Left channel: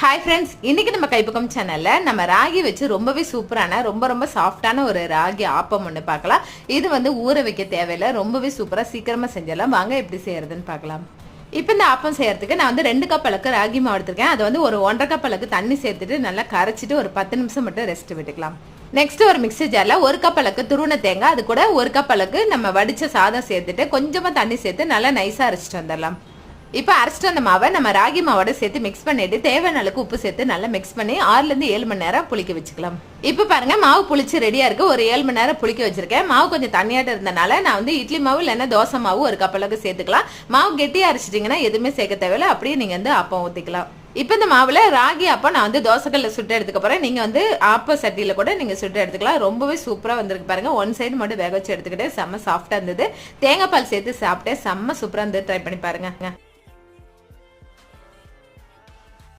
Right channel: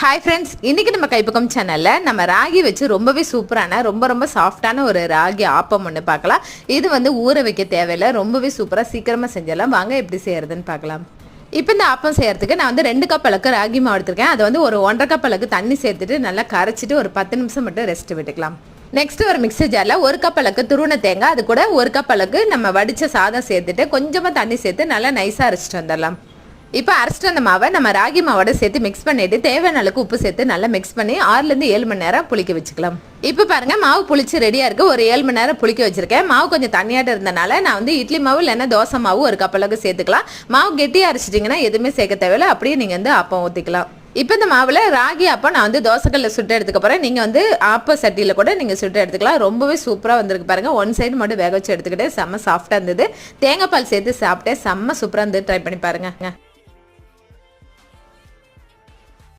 Hi friends, இன்னைக்கு நம்ம கைப்பக்கம் சேனல்ல நம்ம ராகி வச்சு ரொம்பவே சூப்பரான ரொம்ப சாஃப்டான ஒரு ராகி ஆப்பம் ஒன்று பார்க்கலாம். இது வந்து ஊற வைக்க தேவையில்லை, ரொம்பவே சூப்பராக சீக்கிரமாக செஞ்சிடலாம். வாங்க எப்படி செய்யறதுன்னு பார்க்கலாம். இப்போ இந்த ஆப்பம் செய்யறதுக்கு நான் வந்து 2 கப் அளவுக்கு ராகி மாவு எடுத்திருக்கேன். அதை வந்து ஒரு 1.5 கப் அளவுக்கு தண்ணி சேர்த்துட்டு நல்லா கரைச்சிட்டு ஒரு 10 நிமிஷம் மட்டும் ரெஸ்ட் விட்டுக்கலாம். நெக்ஸ்ட் ஒரு மிக்ஸி ஜார்ல 1 கப் அளவுக்கு துருவன தேங்காய், அது கூட 1 கப் அளவுக்கு நம்ம வடிச்ச சாதம் சேர்த்துட்டு கொஞ்சமா தண்ணி சேர்த்து நல்லா நைஸா அரைச்சிட்டு வந்துடலாம். இப்போ அரைச்சிட்டு அந்த மாவை நம்ம ராகி மாவோட சேர்த்து மிக்ஸ் பண்ணிட்டு தேவையான அளவுக்கு உப்பு சேர்த்து நல்லா மிக்ஸ் பண்ணி 6லேருந்து 7 மணி நேரம் புளிக்க வச்சுக்கலாம். இப்போ பாருங்க, மாவு புளிச்சு ரெடியா இருக்கு. ஒரு 7 மணி நேரம் புளிக்க வச்சிருக்கேன். மாவு கொஞ்சம் தண்ணியாட்ட இருந்தனால நான் வந்து இட்லி மாவு இல்லைன்னா தோசை மாவு 1 கப் அளவுக்கு சேர்த்துக்கலாம். மாவு கெட்டியா அரைச்சிட்டிங்கன்னா எதுவுமே சேர்க்க தேவையில்லை, அப்படியே நீங்க வந்து ஆப்பம் ஊற்றிக்கலாம். இப்போ இந்த மாவுல ராகி ஆப்பம் நான் வந்து தோசைக்கல்ல சுட்டு எடுத்துக்க போறேன். நீங்க வந்து ஆப்ப சட்டியில கூட நீங்க சுட்டு எடுத்துக்கலாம். ரொம்பவே சூப்பரா வந்திருக்கு பாருங்க. 1 சைடு மட்டும் வேக வச்சு எடுத்துக்கிட்டே செம்ம சாஃப்டா இருந்தது. தேங்காய் பால் சேர்த்து சாப்பிட்டேன், செம்ம சூப்பரா இருந்து ட்ரை பண்ணி பாருங்க.